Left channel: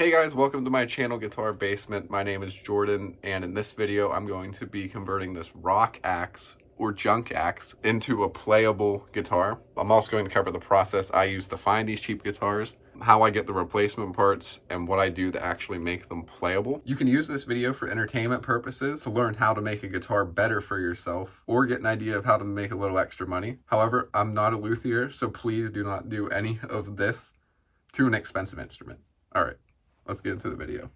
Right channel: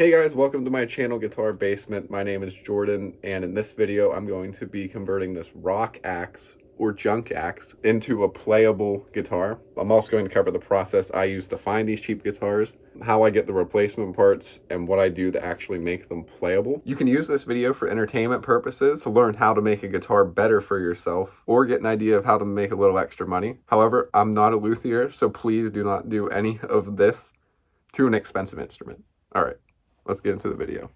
Hey guys, welcome to my channel Guitar Basement. My name is Jordan, and in this video I'm going to be converting this rock axe or junk axe into a playable guitar. I'm also going to cover the process I use to find these cheap guitars, how I get the replacement parts, and what I do to actually make them playable. You can use this video for entertainment purposes, to learn how to make a guitar better for yourself, or get an idea of how to make a little extra money. However, I'm not a luthier, so please do not do any of this to an expensive instrument. All right. Let's get into the video.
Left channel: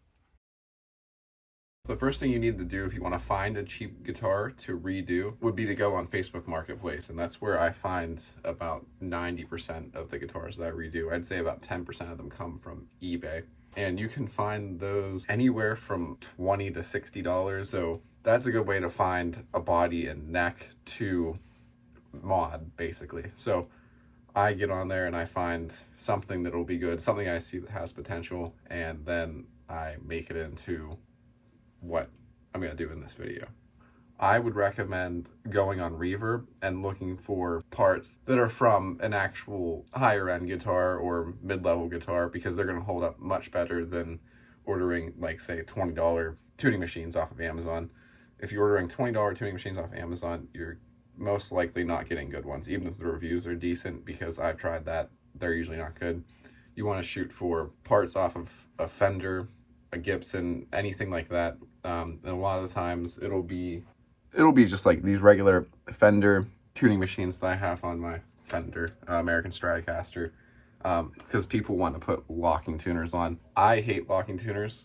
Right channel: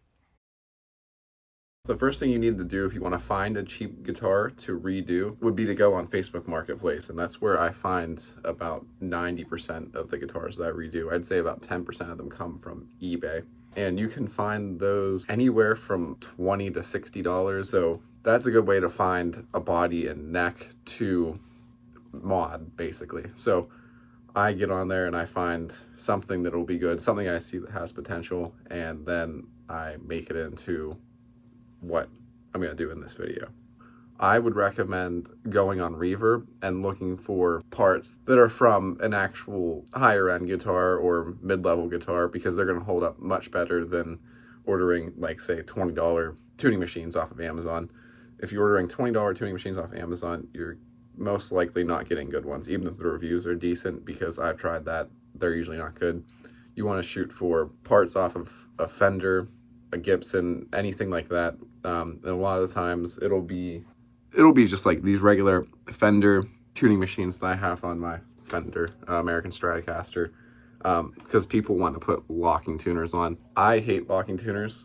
The first thing you need to do if you want to find a cheap guitar to redo would be to go on Facebook Marketplace, and that's where I find about 90% of the guitars that I redo. I'd say about 10% of them come from eBay, and you can find those anywhere from $20 to $60, so that's a good way to find a body and neck to mod, basically. So I get on there and I find something that'll be good, something I see that has potential, and then I make it into what I'm going to do in this video. I would recommend going on Reverb and looking for parts that are from an actual higher end guitar or mid-level guitar, because they're going to hold up much better than ordering, like, say, $20 tuning machines off of Amazon. If you're ordering $20 tuning machines off of Amazon, you're most likely not getting good ones, even if the reviews are decent, because I've tried that. They're usually not good. You want to shoot for parts off of a Fender, a Gibson, anything like that. And a lot of the times it'll be just like these regular Fender tuning machines that I have on my Fender American Stratocaster, because people want to put locking tuners on. I hate locking tuners,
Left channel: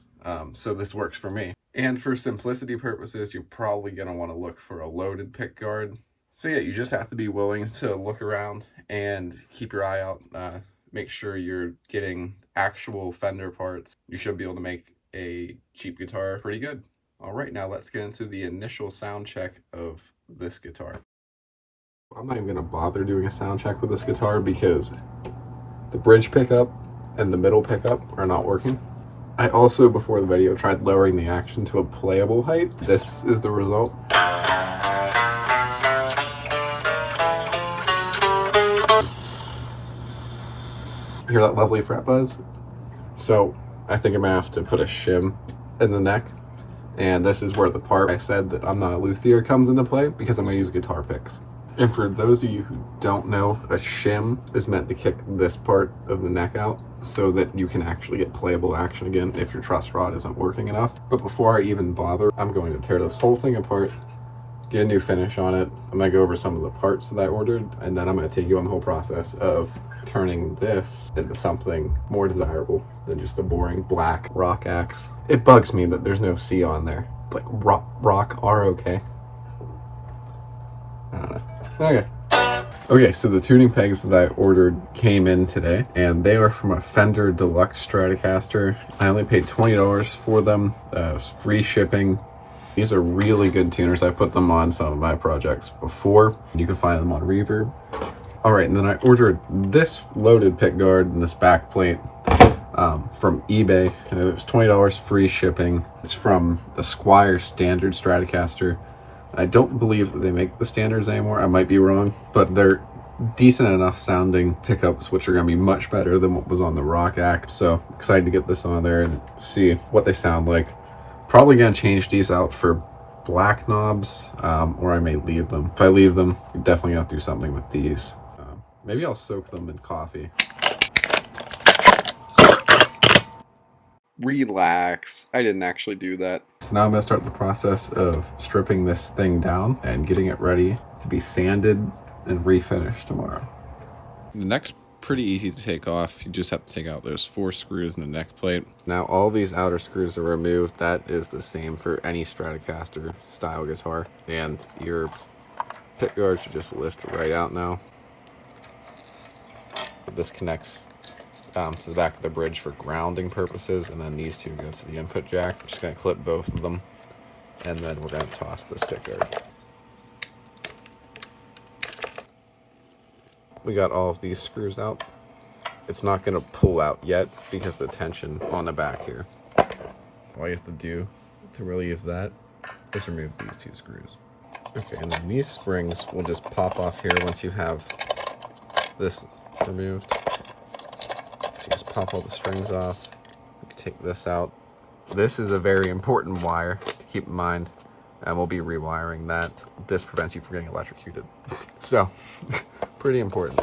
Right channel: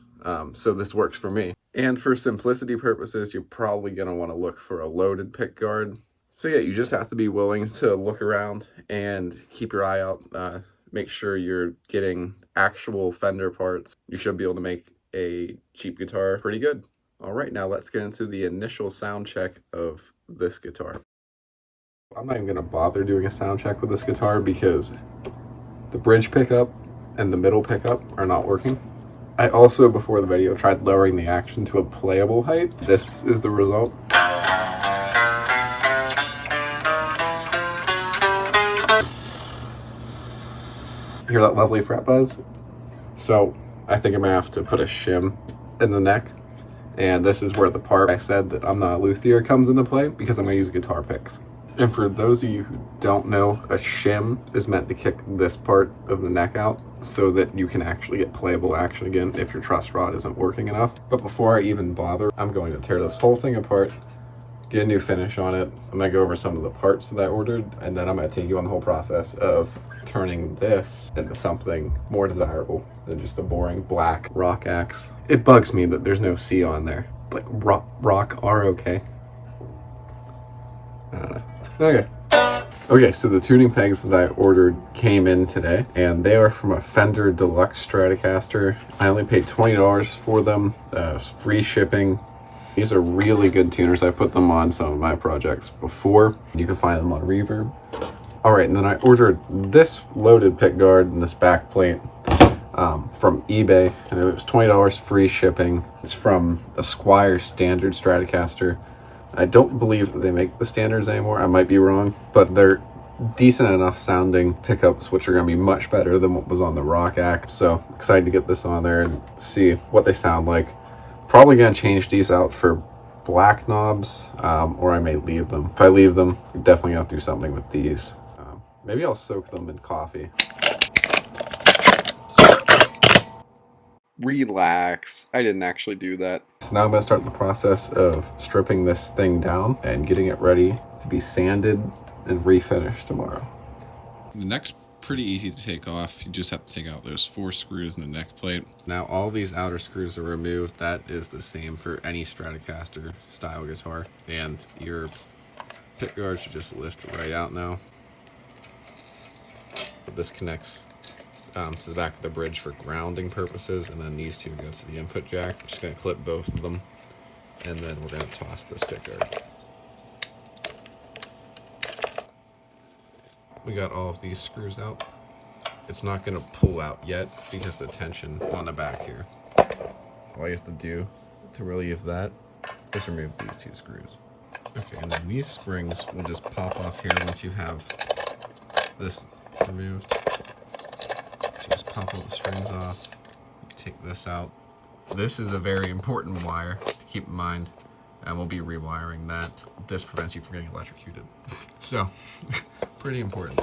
so this works for me. And for simplicity purposes, you're probably going to want to look for a loaded pick guard. So yeah, you just have to be willing to look around and keep your eye out. Make sure you're getting actual Fender parts. You should be able to make a cheap guitar pretty good. All right, now let's get into the initial sound check of this guitar. I'm not even gonna bother doing a sound check with this guitar because the bridge pickup and the middle pickup are not working. I also, before the video, tried lowering the action to a playable height. This is the result. Hear that lovely fret buzz? So I think I'm gonna have to put a shim in the neck, and this is where the part I said that I'm not a luthier comes into play, because I'm gonna use guitar picks. And for those of you who don't know, a shim is meant to kick this part of the neck out so that you can actually get playable action again if your truss rod isn't working enough. But before I even bother, I'm going to tear this whole thing apart, get a new finish on it. I'm gonna go over some of the parts that I ordered, and then I'm gonna take you on the whole process of turning this into something more desirable than just a boring black rock axe. It bugs me that there's no C on there. Like rock R-O-K. I don't know. Okay, so the tuning pegs that I ordered came in today, and they are from a Fender Deluxe Stratocaster. I only paid $20 for them. Free shipping. These are really good tuners. I put them on some of my projects before. You can find them on Reverb. All right, and then I ordered this loaded pick guard and this back plate from eBay, and it was $20 free shipping. It's from the Squier standard Stratocaster. I don't believe that they make the standards anymore. I might be wrong, but they're decent enough sounding pickups, which are going to be much better than what was on the rock axe. So excited to get this on there and see what they sound like. Probably going to change these out for black knobs, or I may leave them. If I leave them, I'm definitely going to do something with these. Maybe I'll soak them in coffee. Relax, I didn't actually do that. So now I'm going to start the process of stripping this thing down and getting it ready to be sanded and refinished tomorrow. The neck's pretty easy to take off. You just have to take out those 4 screws in the neck plate. Now all these outer screws are removed. That is the same for any Stratocaster style guitar. And your pick guard should just lift right out now. This connects to the back of the bridge for grounding purposes, and then these two go to the input jack. We're just going to clip both of them, and then we're going to toss this pick guard. We got all of these screws out. It's not going to pull out yet because of the tension on the back here. All you have to do to relieve that is remove these 2 screws. Okay, and then these springs will just pop off here once you have this removed. So just pop all the strings off, take this out. This is a very important wire to keep in mind, and we'll be rewiring that. This prevents you from getting electrocuted. So, pretty important.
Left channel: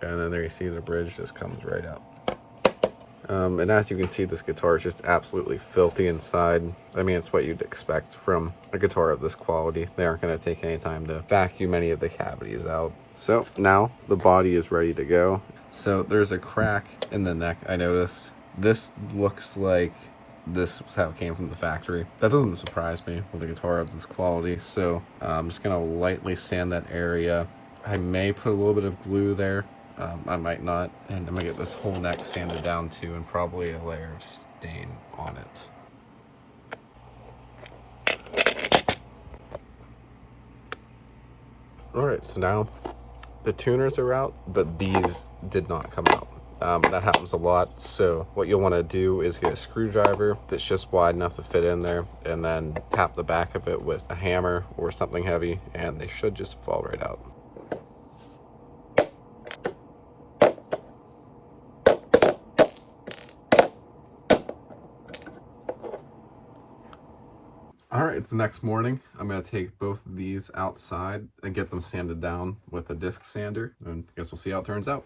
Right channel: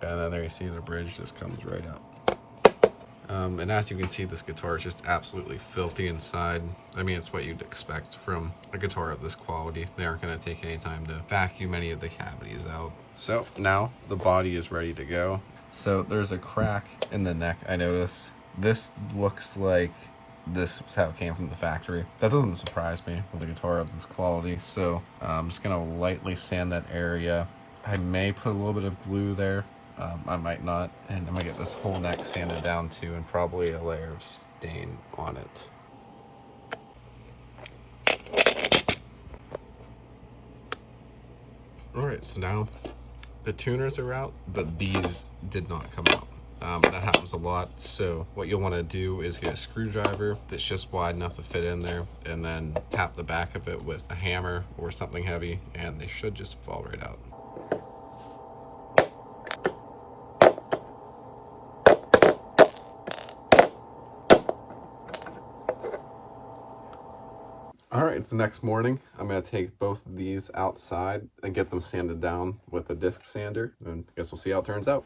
And then there you see the bridge just comes right out. And as you can see, this guitar is just absolutely filthy inside. I mean, it's what you'd expect from a guitar of this quality. They aren't going to take any time to vacuum any of the cavities out. So now the body is ready to go. So there's a crack in the neck, I noticed. This looks like this was how it came from the factory. That doesn't surprise me with a guitar of this quality. So I'm just going to lightly sand that area. I may put a little bit of glue there. I might not, and I'm gonna get this whole neck sanded down too, and probably a layer of stain on it. Alright, so now the tuners are out, but these did not come out. That happens a lot, so what you'll want to do is get a screwdriver that's just wide enough to fit in there, and then tap the back of it with a hammer or something heavy, and they should just fall right out. All right, it's the next morning. I'm gonna take both of these outside and get them sanded down with a disc sander, and I guess we'll see how it turns out.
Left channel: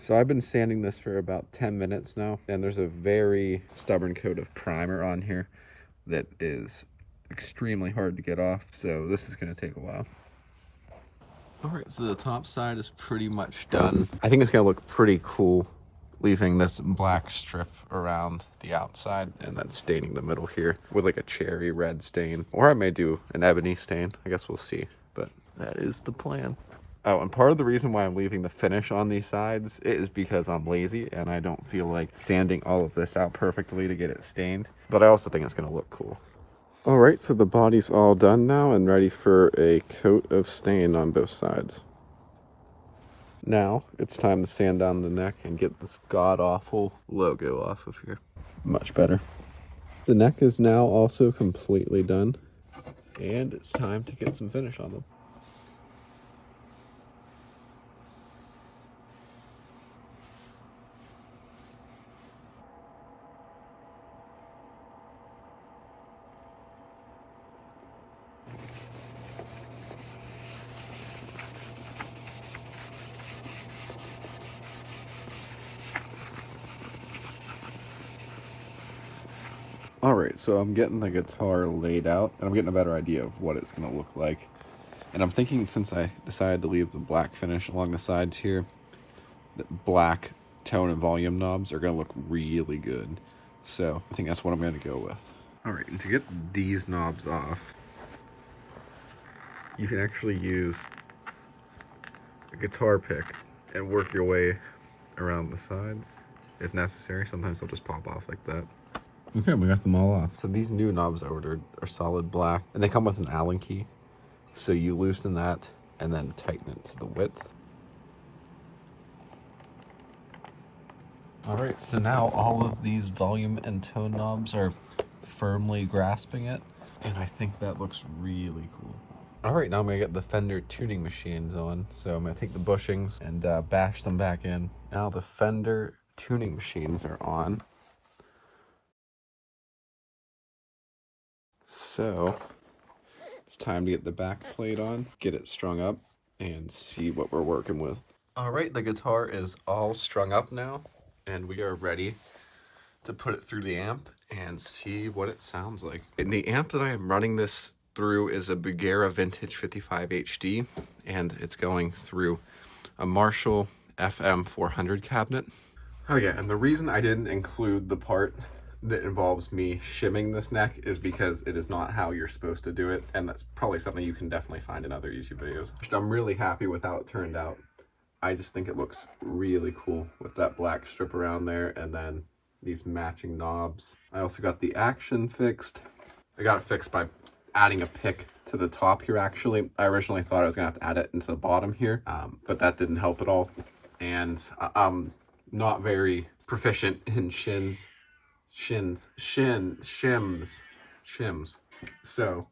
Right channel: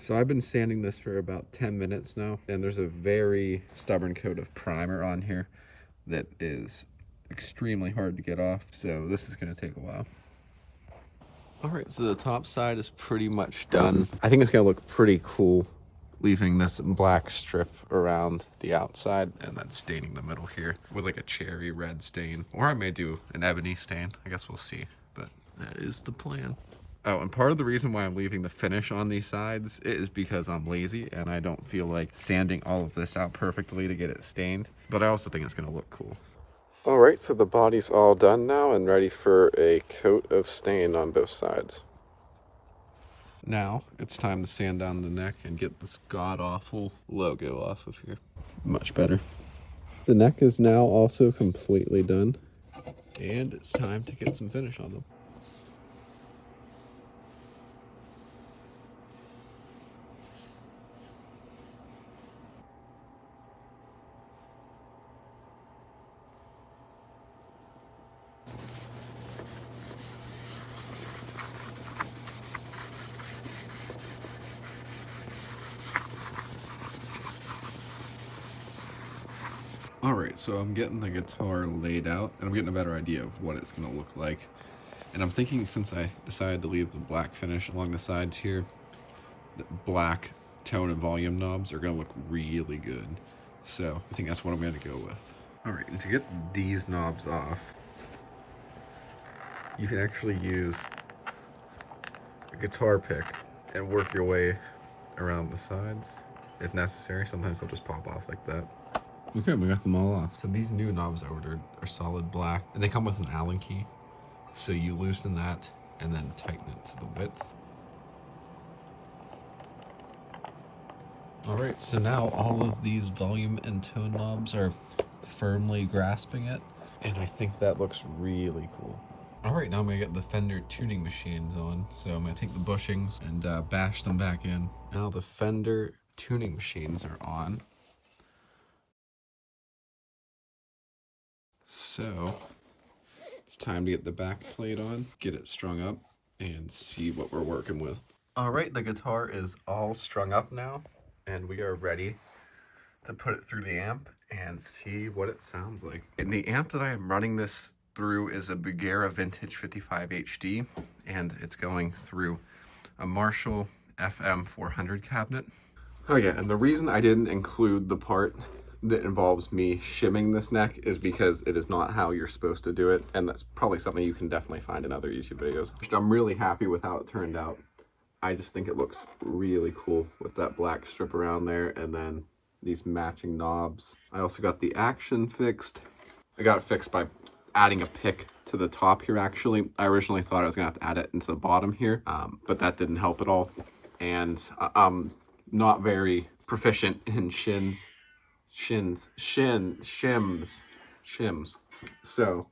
So I've been sanding this for about 10 minutes now, and there's a very stubborn coat of primer on here that is extremely hard to get off, so this is going to take a while. All right, so the top side is pretty much done. I think it's going to look pretty cool, leaving this black strip around the outside and then staining the middle here with like a cherry red stain, or I may do an ebony stain. I guess we'll see, but that is the plan. Oh, and part of the reason why I'm leaving the finish on these sides is because I'm lazy and I don't feel like sanding all of this out perfectly to get it stained. But I also think it's going to look cool. All right, so the body's all done now and ready for a coat of stain on both sides. Now it's time to sand down the neck and get this god-awful logo off of here. Much better. The neck is now also completely done, and it's time to get some finish on them. Alright, so I'm getting the guitar laid out, and I'm getting a better idea of what it's going to look like. And I'm thinking, since I decided to leave the black finish along the sides here, that black tone and volume knobs are going to look really good. So I think that's what I'm going to go with. Alright, and to get these knobs off, you can actually use a guitar pick and work your way around the sides if necessary. Sometimes they'll just pop off like that. Okay, we got them all off. So these new knobs I ordered are solid black, and they come with an Allen key. So you loosen that and then tighten it to the width. All right, so now all of these volume and tone knobs are firmly grasping it, and I think that looks really cool. All right, now I'm gonna get the Fender tuning machines on. So I'm gonna take the bushings and bash them back in. Now the Fender tuning machines are on. So it's time to get the back plate on, get it strung up, and see what we're working with. All right, the guitar is all strung up now, and we are ready to put it through the amp and see what it sounds like. And the amp that I am running this through is a Bugera Vintage 55 HD, and it's going through a Marshall FM 400 cabinet. Oh yeah, and the reason I didn't include the part that involves me shimming this neck is because it is not how you're supposed to do it, and that's probably something you can definitely find in other YouTube videos. I'm really happy with how it turned out. I just think it looks really cool with that black strip around there, and then these matching knobs. I also got the action fixed. I got it fixed by adding a pick to the top here, actually. I originally thought I was gonna have to add it into the bottom here, but that didn't help at all. And I'm not very proficient in shims. So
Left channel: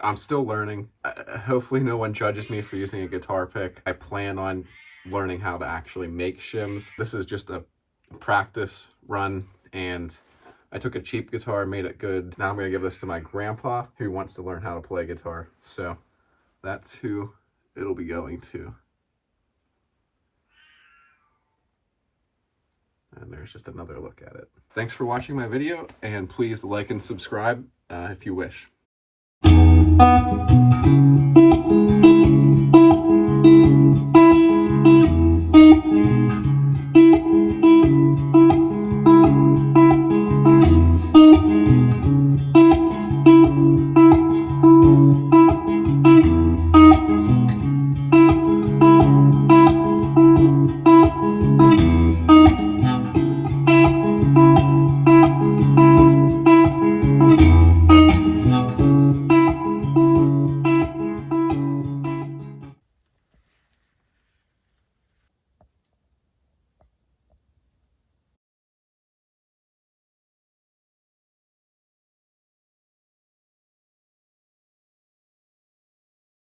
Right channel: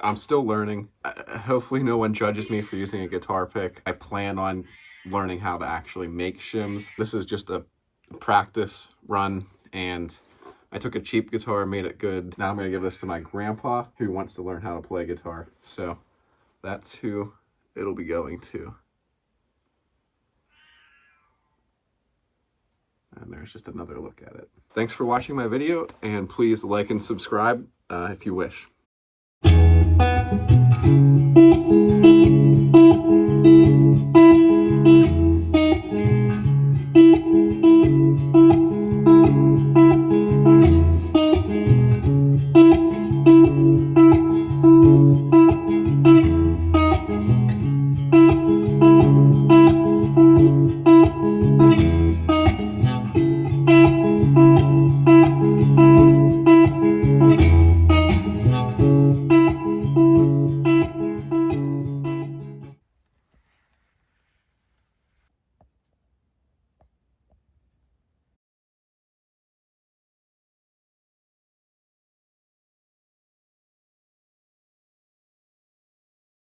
I'm still learning. Hopefully no one judges me for using a guitar pick. I plan on learning how to actually make shims. This is just a practice run, and I took a cheap guitar, made it good. Now I'm gonna give this to my grandpa who wants to learn how to play guitar. So that's who it'll be going to. And there's just another look at it. Thanks for watching my video, and please like and subscribe if you wish.